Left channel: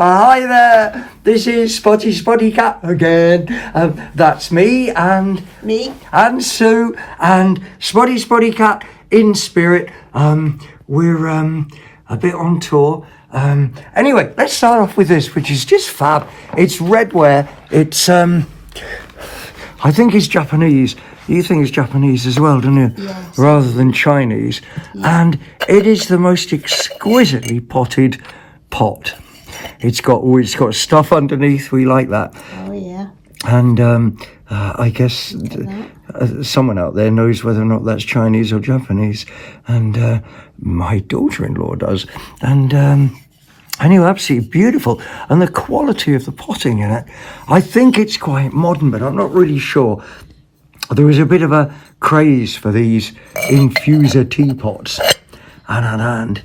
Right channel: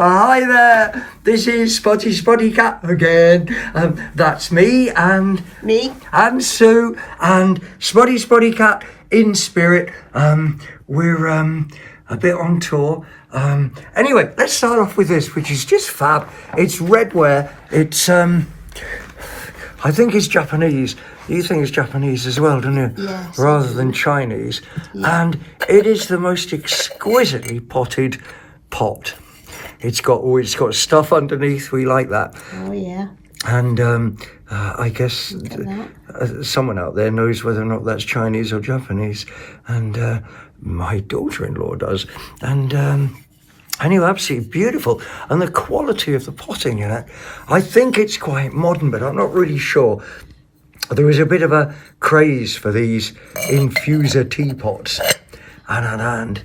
Hi there, this is Spotty Cat again. That's me and Sue and Spotty Cat in spirit. We're a bit on tour. Anyway, let's start off with this, which is just fab. It's redware. It's I think it's Japanese. You think it's Japanese as well, don't you? Yes. Rather than Chinese. Yeah. And it is the most exquisitely potted pot. It's got stuff underneath. We like that. Oh yeah. And I guess someone out there knows whether or not that's Chinese or Japanese. And my daughter-in-law does. And anyway, absolutely beautiful. And the quality of the potting in it, I think it's quite modern, but I'm not really sure. There was a bit of a craze for these infuser teapots. And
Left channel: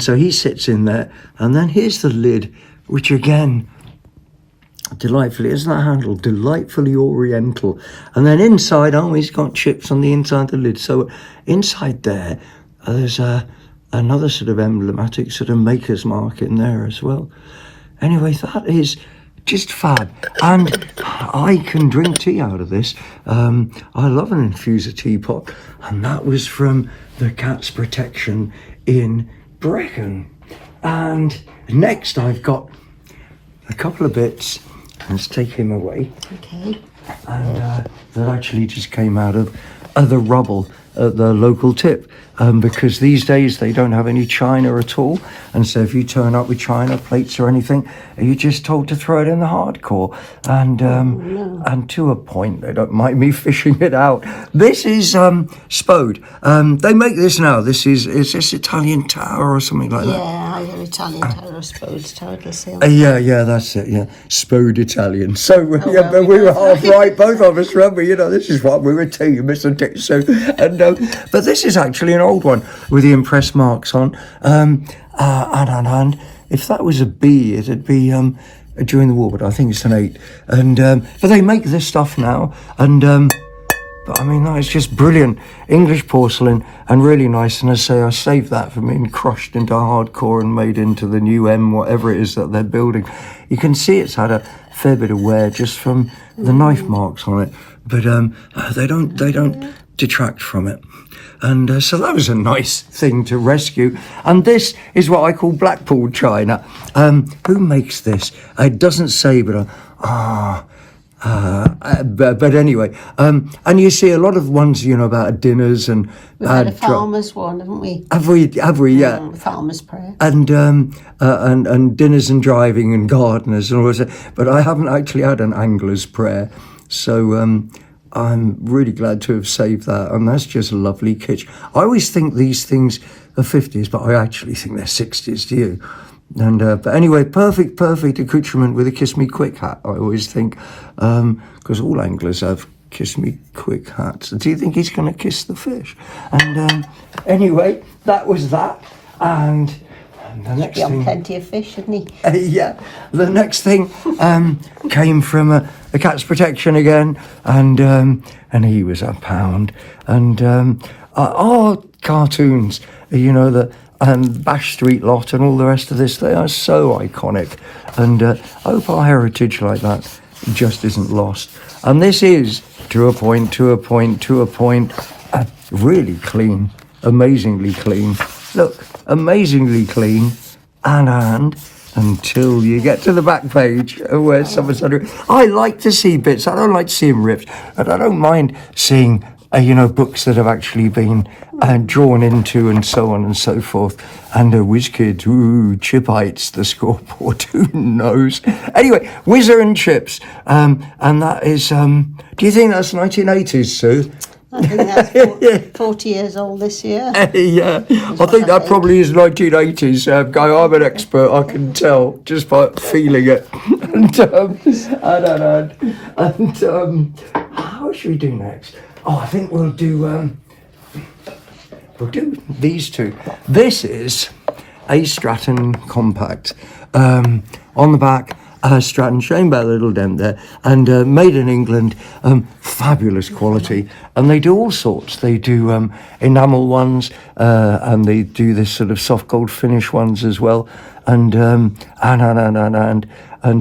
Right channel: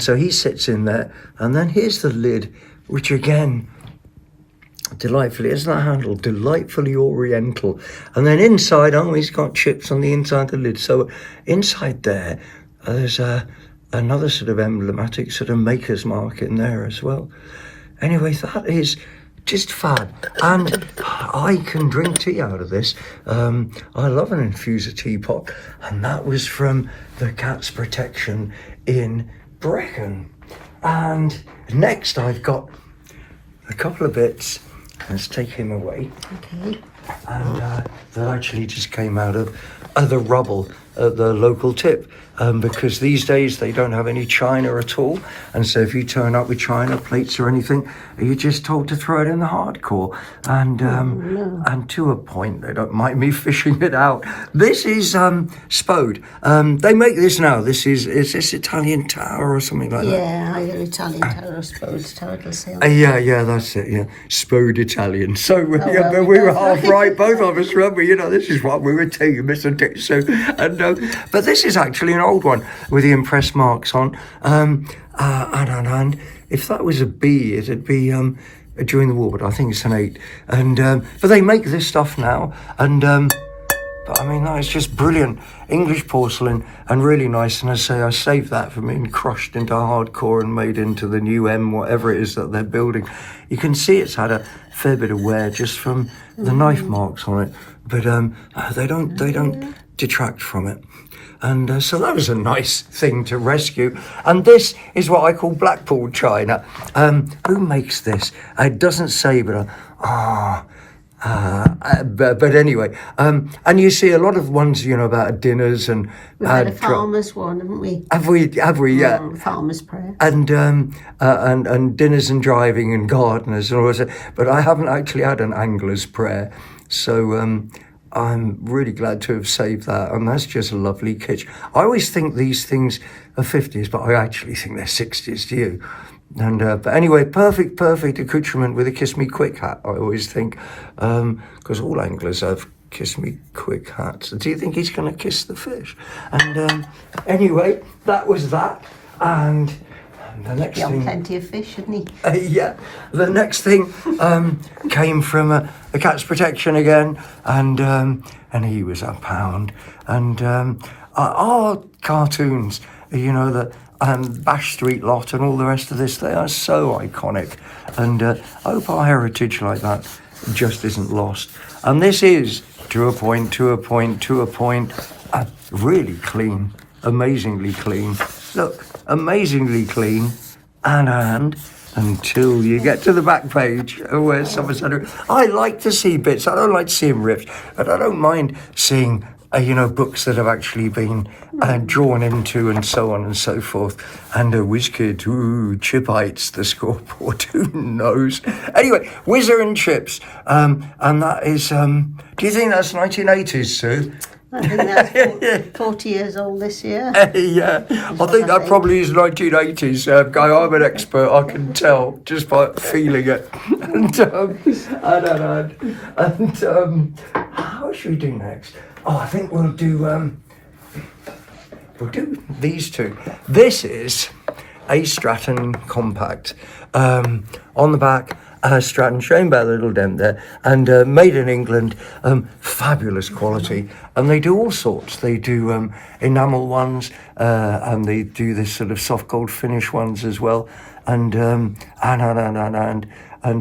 so he sits in there, and then here's the lid, which again, delightfully, isn't that handle delightfully oriental? And then inside, he's got chips on the inside of the lid. So inside there, there's another sort of emblematic sort of maker's mark in there as well. Anyway, that is just fab. And I can drink tea out of this. I love an infuser teapot, and that was from the Cat's Protection in Brecon. And next I've got a couple of bits. Let's take him away. Okay. And that actually just came out of the rubble at the local tip. Because these days they don't have any china at all. And so if you turn up with china plates or anything, you're just told to throw it in the hardcore. And and to a point, they don't mind me fishing it out. This is spode. They make this now. Is this Italian tower or something like that? Yeah, either Italian tower or spode tower, it'll say. Yeah, that's it. Yeah, spode Italian. So we were half right, both of us, weren't we? You know, this is what we were team, isn't it? So, and but this is actually an old one with the impressed marks on. And if that was a B, it'd be during the war, but I think it's an 8. And but they make this stuff now, and but I mean, no, it's just brilliant English porcelain and really nice. And I say I saved that from being crushed into hardcore and made into the new M, whatever it is that they're building. You can see it's had a fair bit of wear just from the knife marks on it, but they don't detract from it. And so that was a nice thing to rescue. And this is what I call Blackpool china. Who makes this? It doesn't say, but but anyway. And you see a lot of ones, you know, about dinners and we've had a farmer's one, haven't we? Have we? Yeah. Farmer's prayer. And dinners and driving and gardeners and all that. But I haven't actually had an angler's prayer. So I'm really glad to have saved that, and that's just a lovely kitsch. I always think these things are 50s, but I actually think they're 60s, do you? And but anyway, perfect accoutrement with a kiss me quick hat, I always think, because all anglers have kiss me quick hats. Do you think he's going to kiss the fish? And anyway, that was that, and the next thing, plenty of fish, shouldn't he? Yeah, the next thing came from the Cat's Protection again, and he was a pound. And our cartoons, you know, the Bash Street lot and all the rest of this, they are so iconic. And I hope our heritage like that just isn't lost. And this is to a point, really clean, amazingly clean. Look, amazingly clean, and until you get to the back page where someone said, I like to see bits, I don't like to see them ripped, and I don't mind seeing books that have actually been drawn into and so on and so forth. And WHIZZER, Chipites, the scoreboard, who knows? Anyway, WHIZZER and chips, and that is, do you think that's 1980s, Sue? I think that's 40 years old this year. Yeah, I think that probably is 1980s. Guy, I'm an expert, I can tell, just by feeling it. And I don't know. And how should we do next? Oh, I think we'll do these two. This is a Stratton compact. On the back, Stratton, showing by the little dent there, and made in England, fabulous quality. And they do all sorts. They do enamel ones, and they do this sort of soft gold finish ones as well. And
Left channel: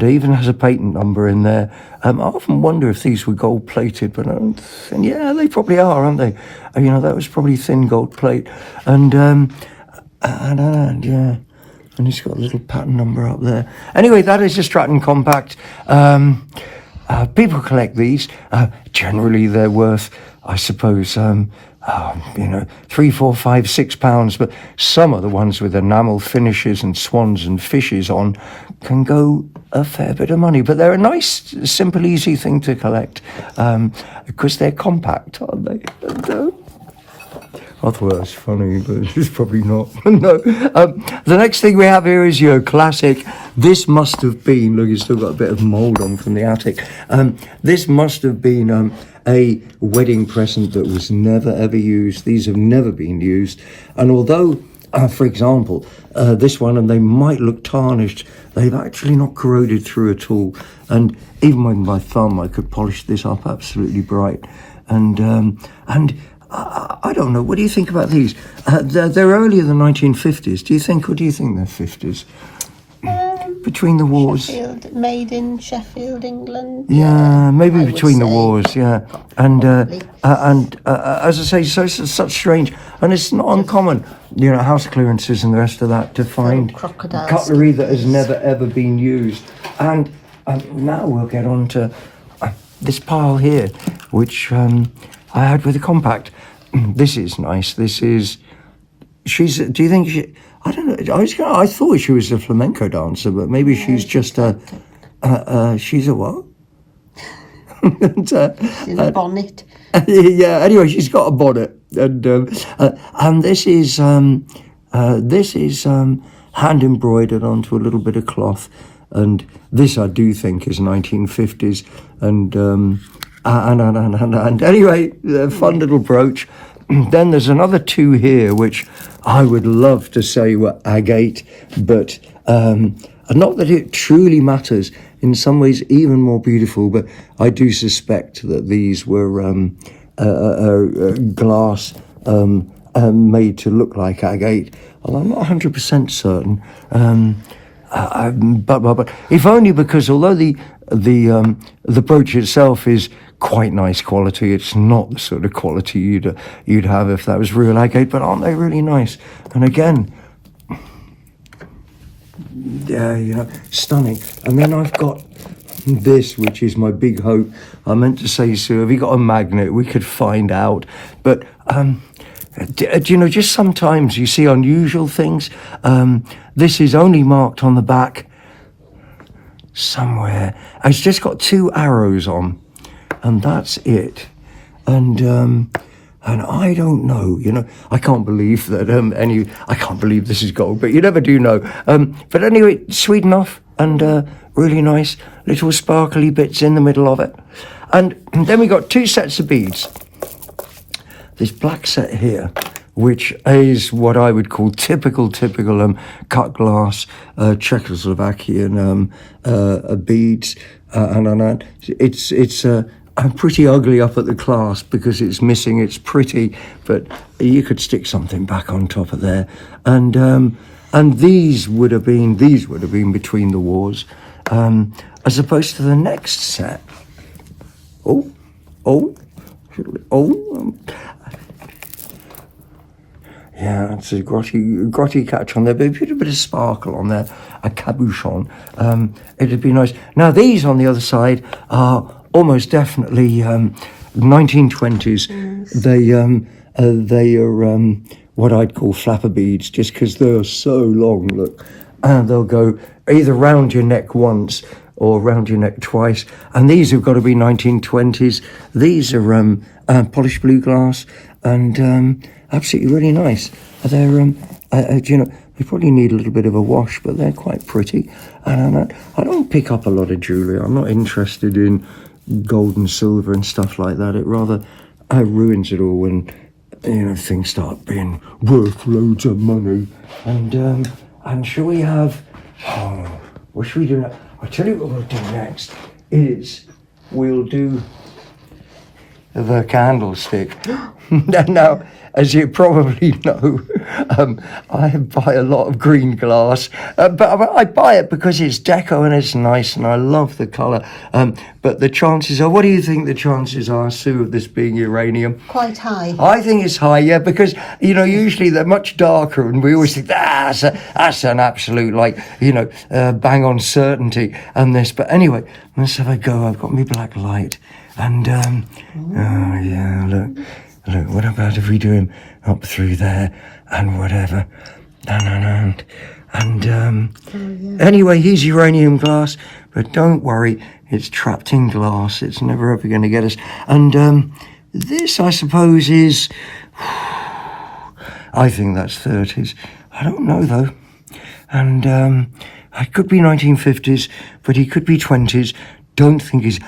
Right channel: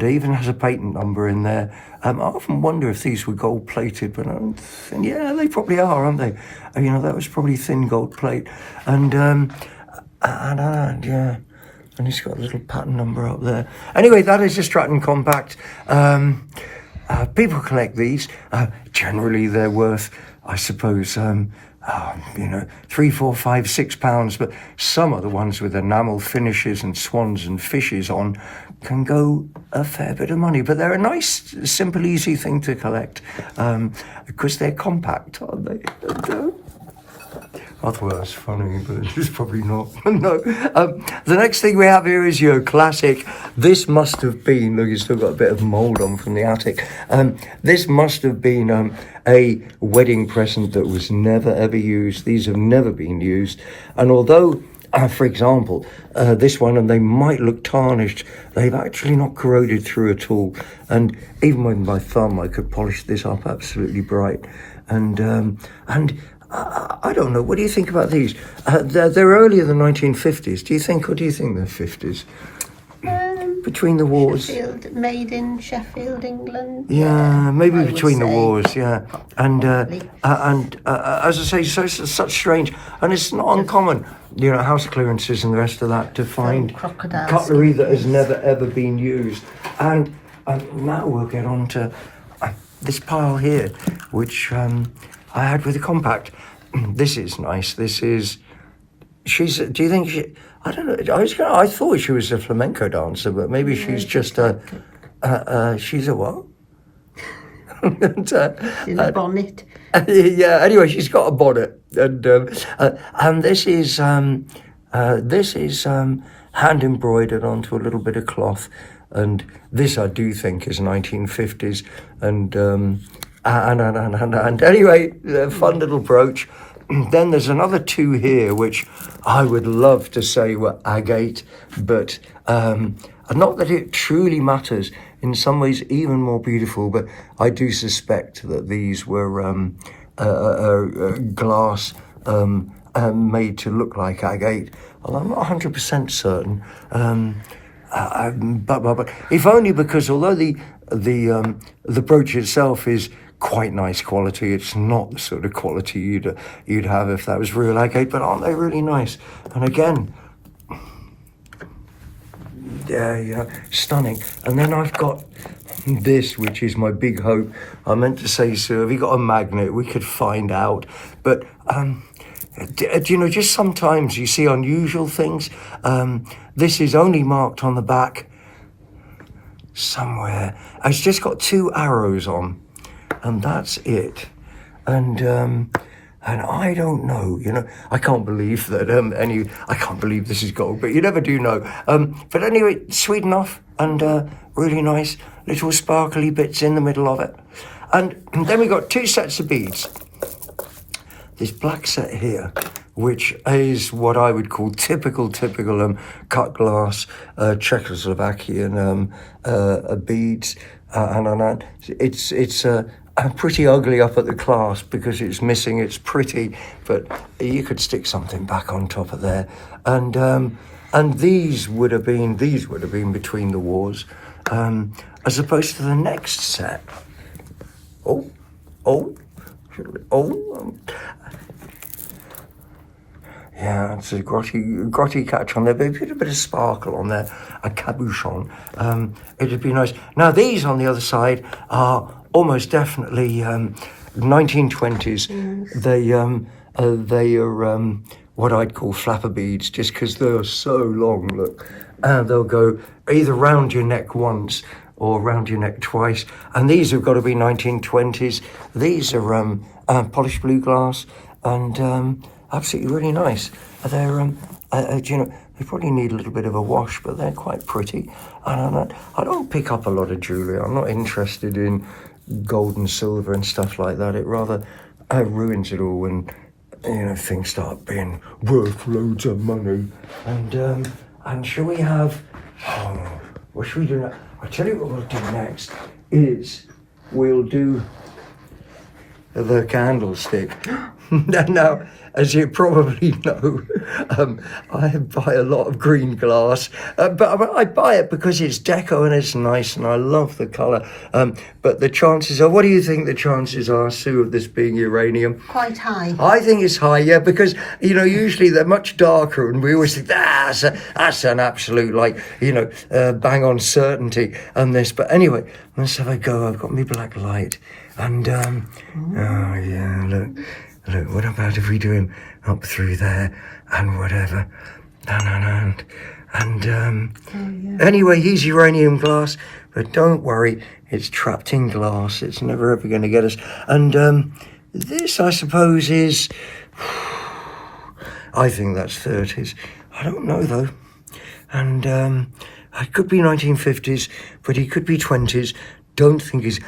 even has a patent number in there. I often wonder if these were gold plated, but I don't think, yeah, they probably are, aren't they? You know, that was probably thin gold plate. And yeah. And he's got a little pattern number up there. Anyway, that is a Stratton compact. People collect these. Generally, they're worth, I suppose, you know, £3, £4, £5, £6. But some of the ones with enamel finishes and swans and fishes on can go a fair bit of money. But they're a nice, simple, easy thing to collect because they're compact, aren't they? I thought that was funny, but it's probably not. No. The next thing we have here is your classic. This must have been, look, it's still got a bit of mould on from the attic. This must have been a wedding present that was never ever used. These have never been used. And although, for example, this one, and they might look tarnished, they've actually not corroded through at all. And even with my thumb, I could polish this up absolutely bright. And I don't know. What do you think about these? They're earlier than 1950s. Do you think, or do you think they're 50s? Between the wars. Sheffield, made in Sheffield, England. Yeah, maybe I between the would wars. say. Yeah, and as I say, so it's such strange, and it's not uncommon. You know, house clearances and the rest of that to find crocodile cutlery that has skins. never ever been used. And now we'll get on to this pile here, which I had with a compact. This is nice. This is. She's. Do you think she? I don't know. I thought she was a flamenco dancer, but maybe she's just a. She's a what? In a bonnet. Yeah. Anyway, she's got a bonnet, and this is hand embroidered onto a little bit of cloth, and this I do think is 1950s, and anyway, a fun little brooch. Then there's another two here, which I would love to say were agate, but not that it truly matters. In some ways, even more beautiful. But I do suspect that these were glass made to look like agate. Well, I'm not 100% certain. But if only because although the brooch itself is quite nice quality, it's not the sort of quality you'd have if that was real agate. But aren't they really nice? And again, yeah, stunning. And then I've got this, which is my big hope. I meant to say, Sue, have you got a magnet? We could find out. But do you know, just sometimes you see unusual things. This is only marked on the back somewhere. It's just got two arrows on, and that's it. And I don't know, you know, I can't believe that I can't believe this is gold, but you never do know. But anyway, sweet enough and really nice little sparkly bits in the middle of it. And then we got two sets of beads. This black set here, which is what I would call typical cut glass Czechoslovakian beads, and it's pretty ugly up at the clasp because it's missing. It's pretty, but you could stick something back on top of there. And these would have been between the wars, as opposed to the next set. Oh. Yeah, it's a grotty catch on there, but a bit of sparkle on there, a cabochon. It'd be nice. Now these on the other side are almost definitely 1920s. They are what I'd call flapper beads, just because they're so long. Look, and they'll go either round your neck once or round your neck twice. And these have got to be 1920s. These are polished blue glass and absolutely really nice. They're you know, you probably need a little bit of a wash, but they're quite pretty. And I don't pick up a lot of jewellery. I'm not interested in gold and silver and stuff like that. It rather ruins it all when, things start being worth loads of money. And shall we have, what should we do now? I'll tell you what we'll do next is we'll do the candlestick. Now, as you probably know, I buy a lot of green glass, but I buy it because it's deco and it's nice and I love the colour. But the chances are, what do you think the chances are, Sue, of this being uranium? Quite high. I think it's high, yeah, because, usually they're much darker and we always think, that's an absolute, bang on certainty and this. But anyway, let's have a go. I've got my black light and, oh yeah, look, what about if we do him up through there and whatever? Anyway, he's uranium glass, but don't worry, it's trapped in glass. It's never ever going to get us. And this, I suppose, is... I think that's 30s. I don't know, though. And it could be 1950s, but he could be 20s. I think he's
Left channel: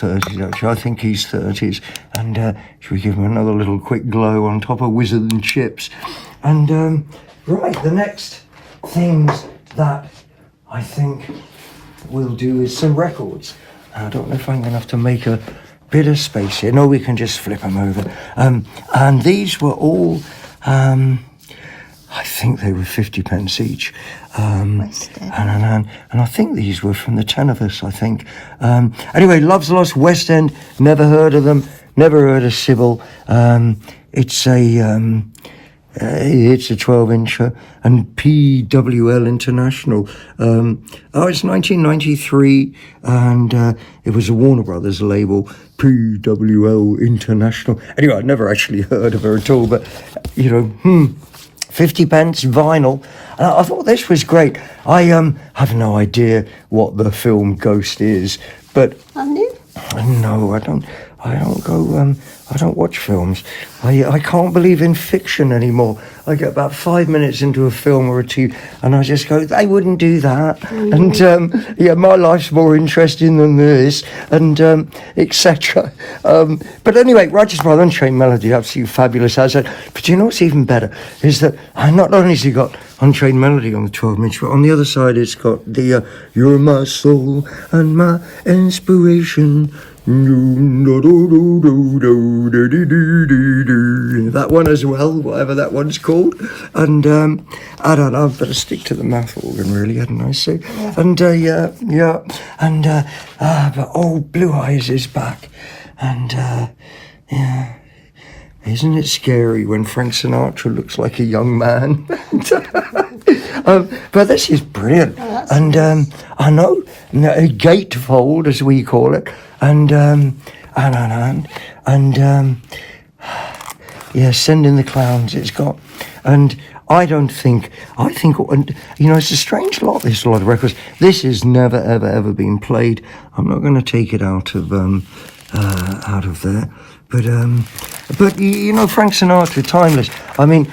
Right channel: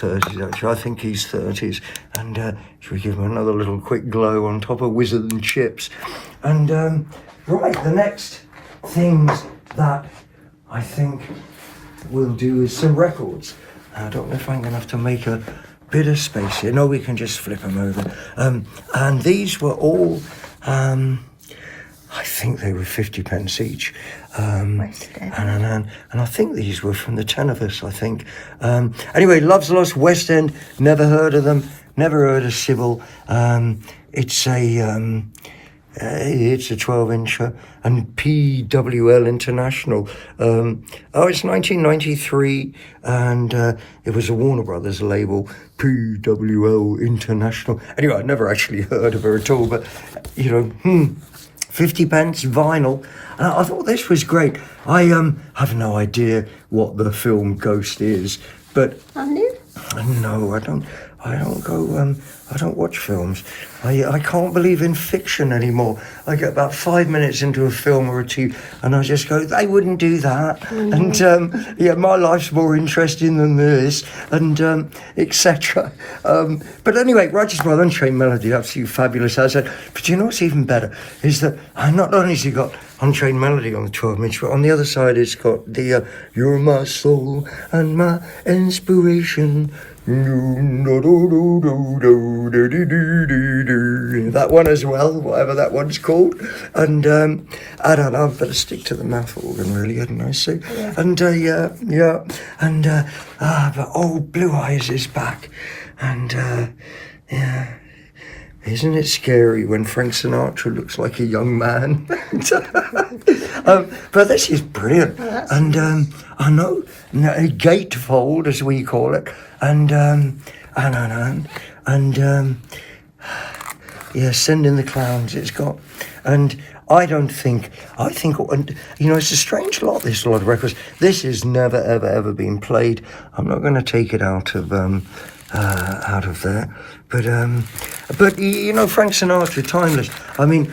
30s, actually. I think he's 30s. And should we give him another little quick glow on top of WHIZZER and chips? And, right, the next things that I think we'll do is some records. I don't know if I'm going to have to make a bit of space here. No, we can just flip them over. And these were all, I think they were 50 pence each. West End. And I think these were from the 10 of us, I think. Anyway, Love's Lost, West End, never heard of them, never heard of Sybil. It's a 12-incher, and PWL International. It's 1993, and it was a Warner Brothers label, PWL International. Anyway, I'd never actually heard of her at all, but, 50 pence vinyl. I thought this was great. I have no idea what the film Ghost is, but... And you? No, I don't go... I don't watch films. I can't believe in fiction anymore. I get about 5 minutes into a film or two and I just go, they wouldn't do that. And my life's more interesting than this, and etc. But anyway, Roger's Brother, Unchained Melody, absolutely fabulous asset. But you know what's even better is that not only has he got Unchained Melody on the 12-inch, but on the other side it's got the You're My Soul and My Inspiration. That one as well, whatever that one's called. And I don't know, I've better stick to the mouth organ really, hadn't I? So, yeah. And but old Blue Eyes is back. And isn't it scary when Frank Sinatra looks like a young man? But this is brilliant. Oh, and nice. I know, a gatefold as we call it. And Send in the Clowns it's got. And I think, it's a strange lot, this lot of records. This has never, ever been played. I'm not going to take it out of there. But Frank Sinatra, timeless. I mean,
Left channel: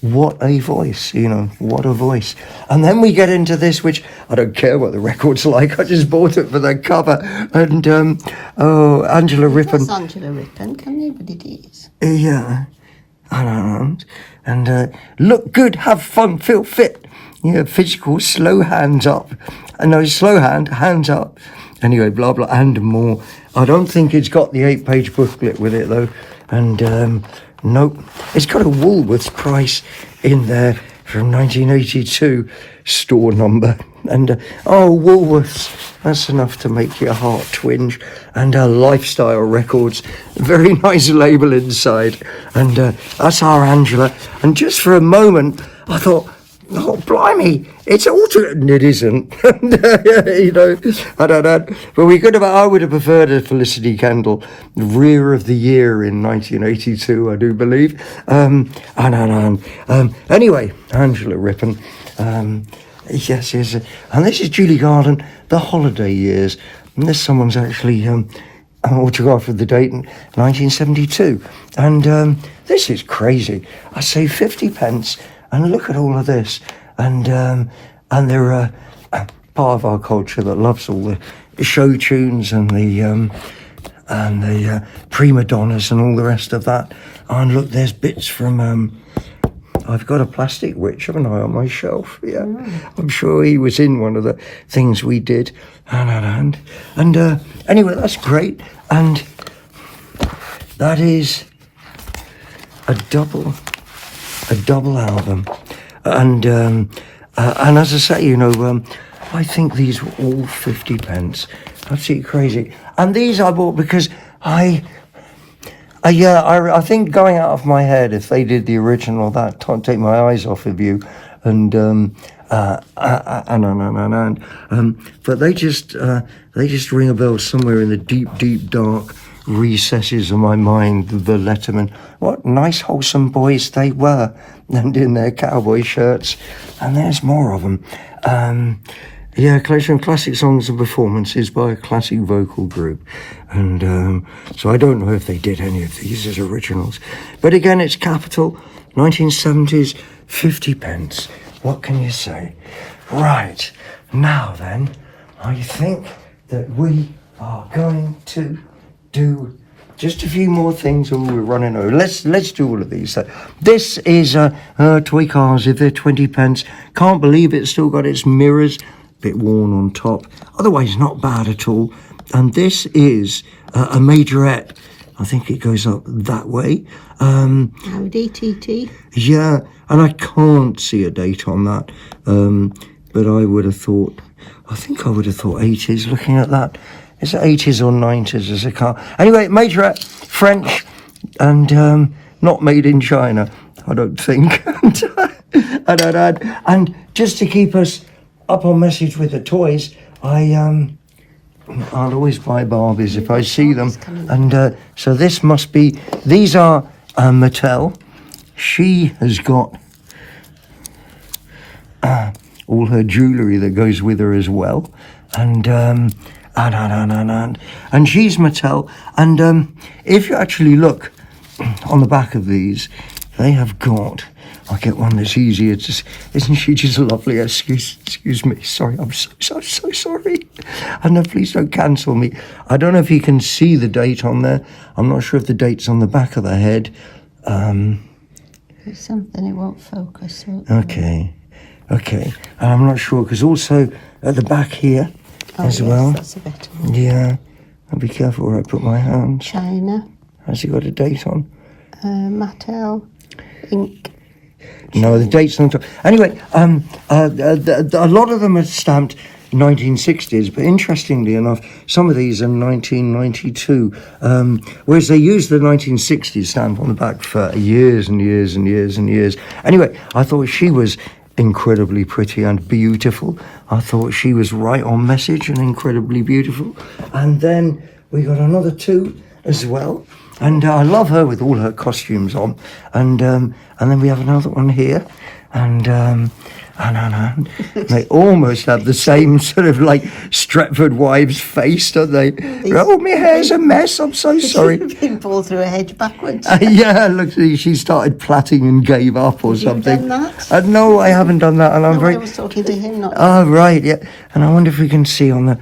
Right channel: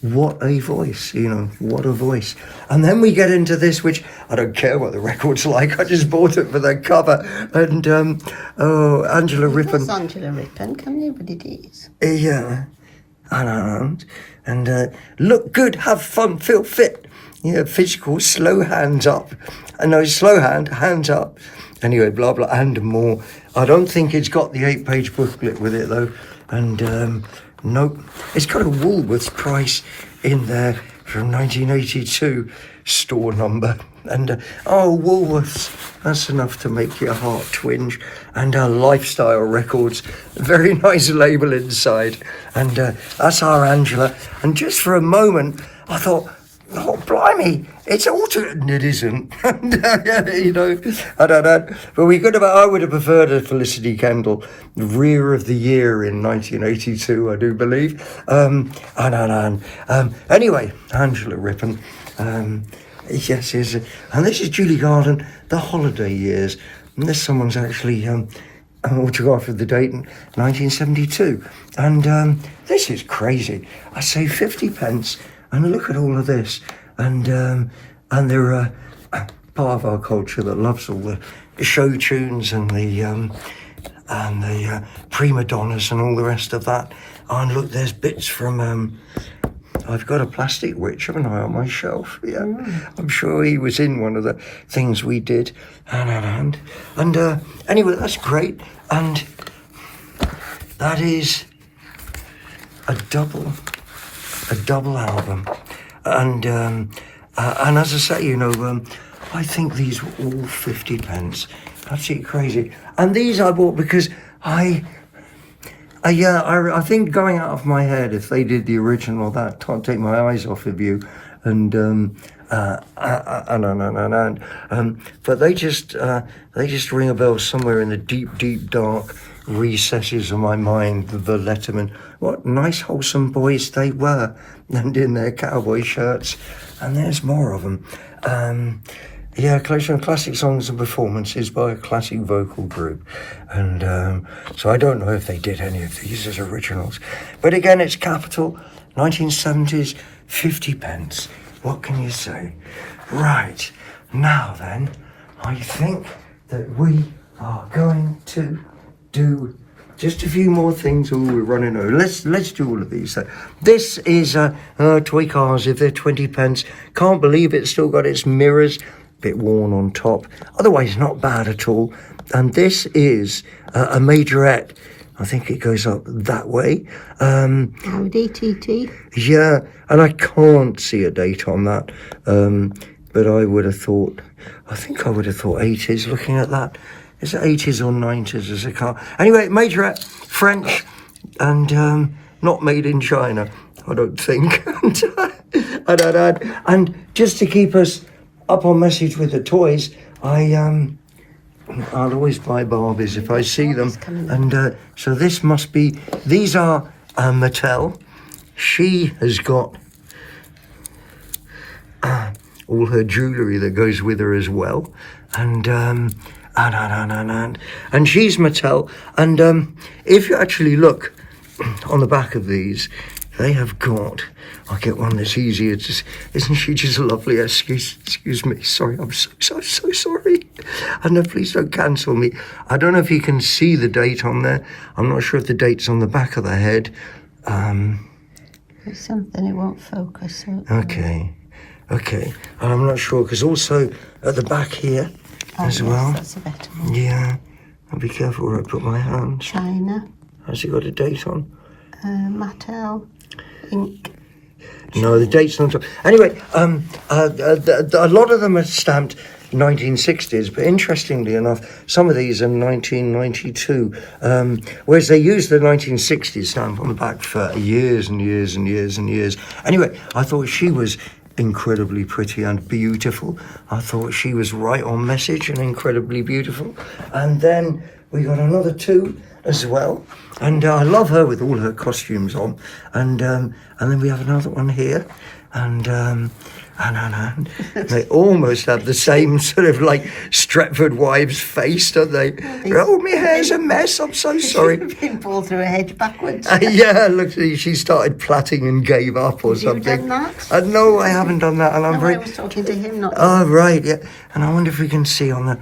what a voice, what a voice. And then we get into this, which I don't care what the record's like. I just bought it for the cover. And, Angela Rippon. That's Angela Rippon, can you? But it is. Yeah, I don't know. And look good, have fun, feel fit. Physical, slow hands up. No, slow hands up. Anyway, blah, blah, and more. I don't think it's got the 8-page booklet with it, though. And, nope. It's got a Woolworths price in there from 1982 store number. And, Woolworths, that's enough to make your heart twinge. And Lifestyle Records, very nice label inside. And that's our Angela. And just for a moment, I thought, oh, blimey, it's alternate, and it isn't. I don't know. But I would have preferred a Felicity Kendall, Rear of the Year in 1982, I do believe. Anyway, Angela Rippon. Yes. And this is Julie Garden, The Holiday Years. And this someone's actually autograph of the date in 1972. And this is crazy. I say 50 pence. and look at all of this, and there are part of our culture that loves all the show tunes and the prima donnas and all the rest of that. And look, there's bits from. I've got a plastic witch, haven't I, on my shelf? Yeah, I'm sure he was in one of the things we did. And anyway, that's great. And that is a double album. And as I say, you know, I think these were all 50 pence. Absolutely crazy. And these I bought because I think going out of my head, if they did the original, that can't take my eyes off of you, but they just ring a bell somewhere in the deep dark recesses of my mind. The Letterman, what nice wholesome boys they were, and in their cowboy shirts, and there's more of them. Collection of classic songs and performances by a classic vocal group. And so I don't know if they did any of these as originals. But again, it's capital, 1970s, 50 pence. What can you say? Right, now then, I think that we are going to do just a few more things and we're running over. Let's do all of these. So this is toy cars, if they're 20 pence. Can't believe it's still got its mirrors. Bit worn on top, otherwise not bad at all. And this is a majorette. I think it goes up that way. Audi TT. Yeah, and I can't see a date on that, but I would have thought 80s looking at that. Is it 80s or 90s as a car? Anyway, majorette, French, and not made in China, I don't think. And just to keep us up on message with the toys, I'll always buy Barbies if I see them. And so this must be, these are Mattel. She has got all her jewellery that goes with her as well. And she's Mattel. And if you actually look on the back of these, they have got, I'll get one that's easier to, isn't she just lovely? Excuse me, sorry, I'm so sorry. And no, please don't cancel me. I don't know if you can see the date on there. I'm not sure if the date's on the back of the head. It's something it won't focus. Okay. And I'm not sure, because also at the back here as well. That's a better one. Yeah, I'll be careful where I put my hand. China. Has it got a date on? Mattel, Inc. No, the date's not on. Anyway, a lot of them are stamped 1960s, but interestingly enough, some of these are 1992, whereas they used the 1960s stamp on the back for years and years and years and years. Anyway, I thought she was incredibly pretty and beautiful. I thought she was right on message and incredibly beautiful. And then we got another two as well. And I love her with all her costumes on. And then we have another one here. And they almost have the same sort of like Stretford wives face, don't they? Oh, my hair's a mess, I'm so sorry. Been pulled through a hedge backwards. Yeah, look, she started plaiting and gave up or something. Have you done that? No, I haven't done that. And I'm I was talking to him, not you. Oh, right, yeah. And I wonder if we can see on the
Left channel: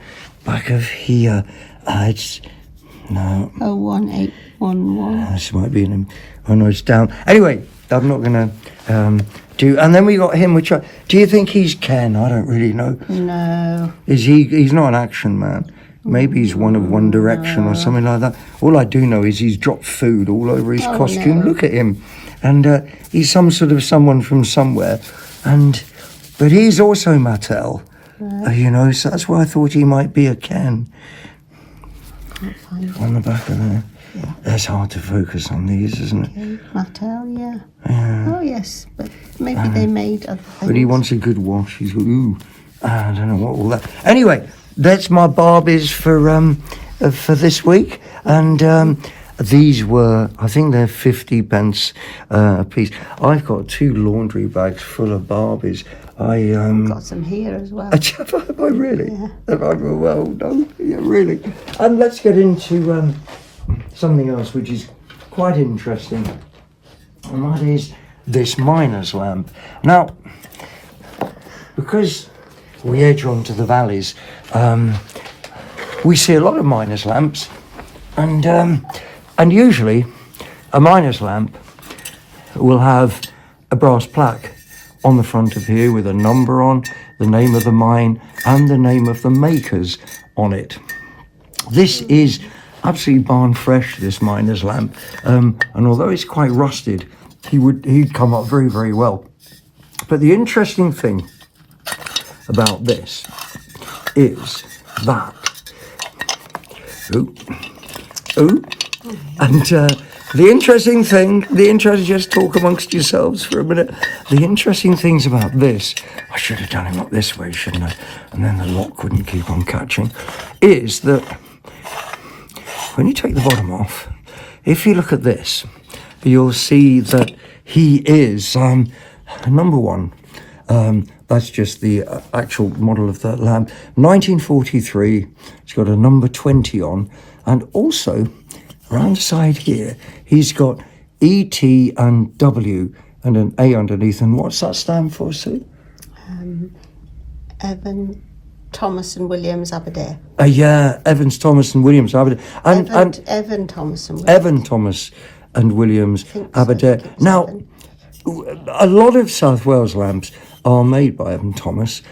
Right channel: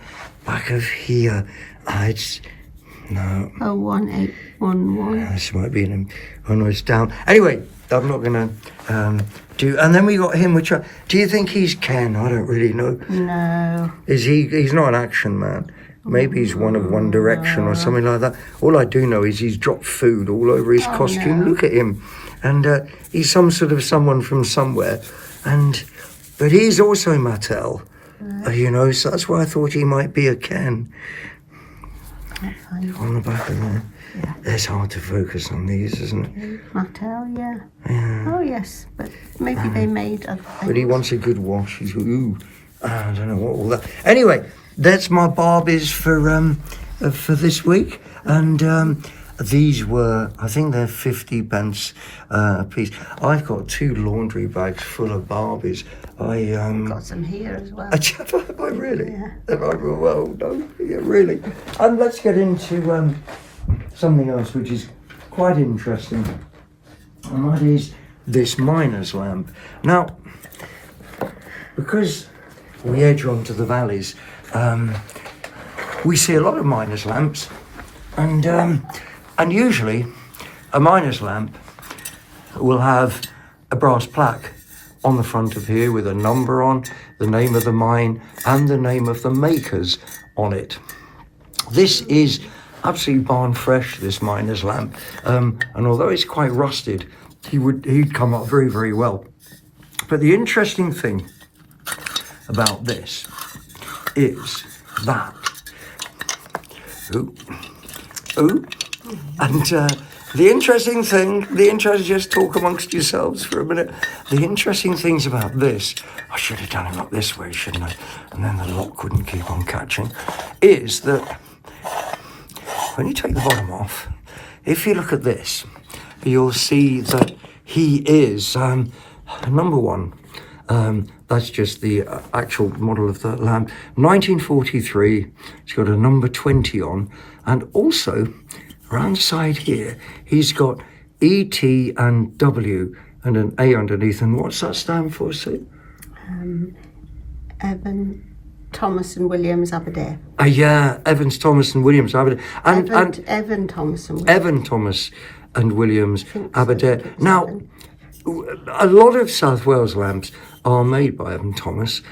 back of here. It's... No. 01811. This might be in... Oh, no, it's down. Anyway, I'm not going to do... And then we got him, which... do you think he's Ken? I don't really know. No. Is he... He's not an action man. Maybe he's one of One Direction or something like that. All I do know is he's dropped food all over his costume. No. Look at him. And he's some sort of someone from somewhere. But he's also Mattel. Right. You know, so that's why I thought he might be a Ken. Can't find On the back of there. Yeah. It's hard to focus on these, isn't it? Okay. Mattel, yeah. Yeah. Oh, yes, but maybe they made other things. But he wants a good wash. He's I don't know what all that. Anyway, that's my Barbies for this week, and these were, I think they're 50 pence a piece. I've got 2 laundry bags full of Barbies. I've got some here as well. Have I really? Yeah. Have I? Well done. Yeah, really. And let's get into something else which is quite interesting, and that is this miner's lamp. Now, because we edge onto the valleys, we see a lot of miner's lamps, and usually a miner's lamp will have a brass plaque on the front of here with a number on, the name of the mine, and the name of the makers on it. This is absolutely barn fresh, this miner's lamp, and although it's quite rusted, he'd come up very, very well. But the interesting thing about this is that, the interesting thing, just talk amongst yourselves for a minute. The interesting things about this, I should have done it up this way, shouldn't I? And then the lock wouldn't keep on catching, is that when you take the bottom off, if you look at this, you'll see that he is number one. That's just the actual model of that lamp. 1943, it's got a number 20 on, and also around the side here, he's got E.T. and W and an A underneath. And what's that stand for, Sue? Evan, Thomas and Williams Aberdare. Yeah, Evans, Thomas and Williams Aberdare. Evan Thomas and Williams. Evan Thomas and Williams Aberdare. So, now, Evan. a lot of South Wales lamps are made by Evan Thomas,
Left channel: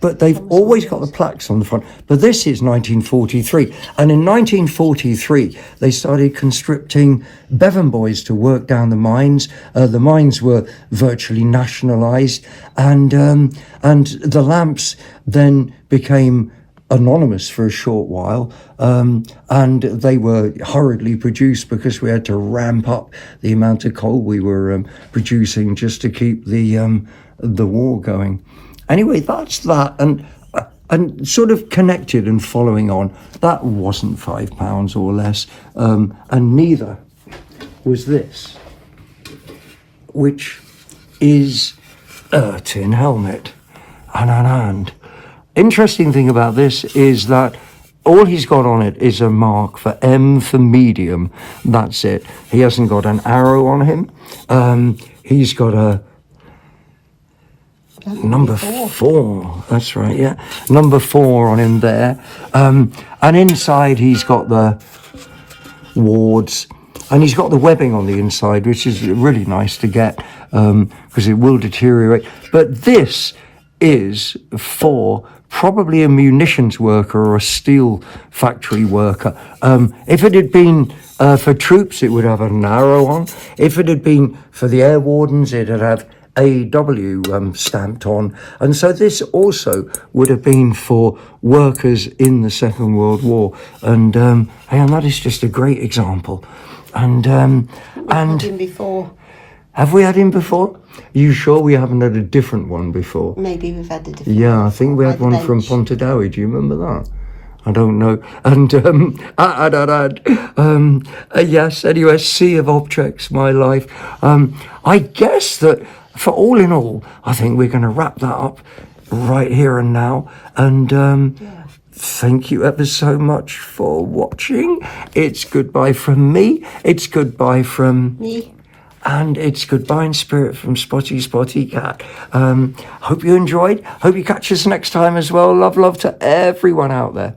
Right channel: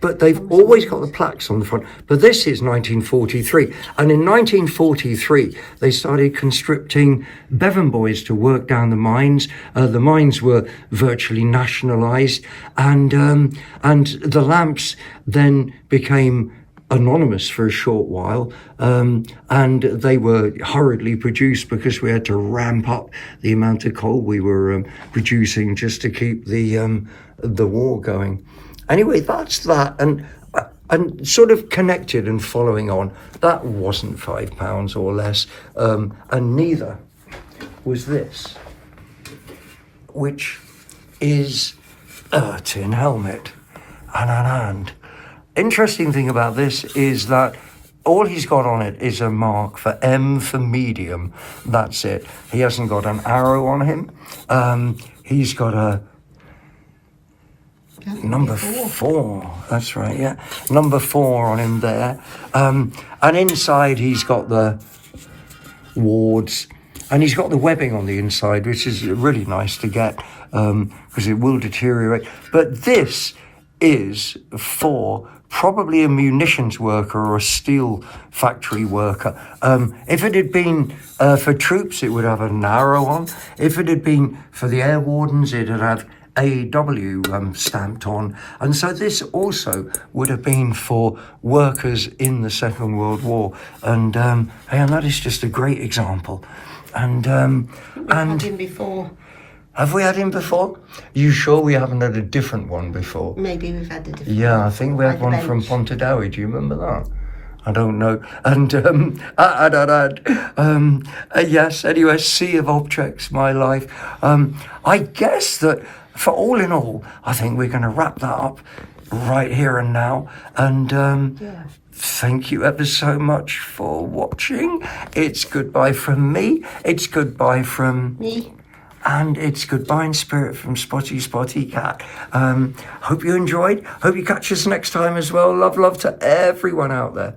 but they've always got the plaques on the front. But this is 1943, and in 1943 they started conscripting BEVIN boys to work down the mines. The mines were virtually nationalised, and the lamps then became anonymous for a short while, and they were hurriedly produced because we had to ramp up the amount of coal we were producing just to keep the war going. Anyway, that's that, and sort of connected and following on, that wasn't £5 or less, and neither was this, which is a tin helmet and an hand. Interesting thing about this is that all he's got on it is a mark for M for medium. That's it. He hasn't got an arrow on him. He's got a number 4. That's right, yeah. Number 4 on him there. And inside he's got the wards, and he's got the webbing on the inside, which is really nice to get because it will deteriorate. But this is for probably a munitions worker or a steel factory worker. If it had been for troops, it would have an arrow on. If it had been for the air wardens, it'd have AW stamped on. And so this also would have been for workers in the Second World War. And that is just a great example. And We've had him before. Have we had him before? You sure we haven't had a different one before? Maybe we've had a different one. Yeah, I think we had one from Pontardawe. Do you remember that? I don't know. And yes, anyway, a sea of objects, my life. I guess that for all in all, I think we're going to wrap that up right here and now. And thank you ever so much for watching. It's goodbye from me. It's goodbye from me. And it's goodbye in spirit from Spotty Cat. Hope you enjoyed. Hope you catch us next time as well. Love to everyone out there.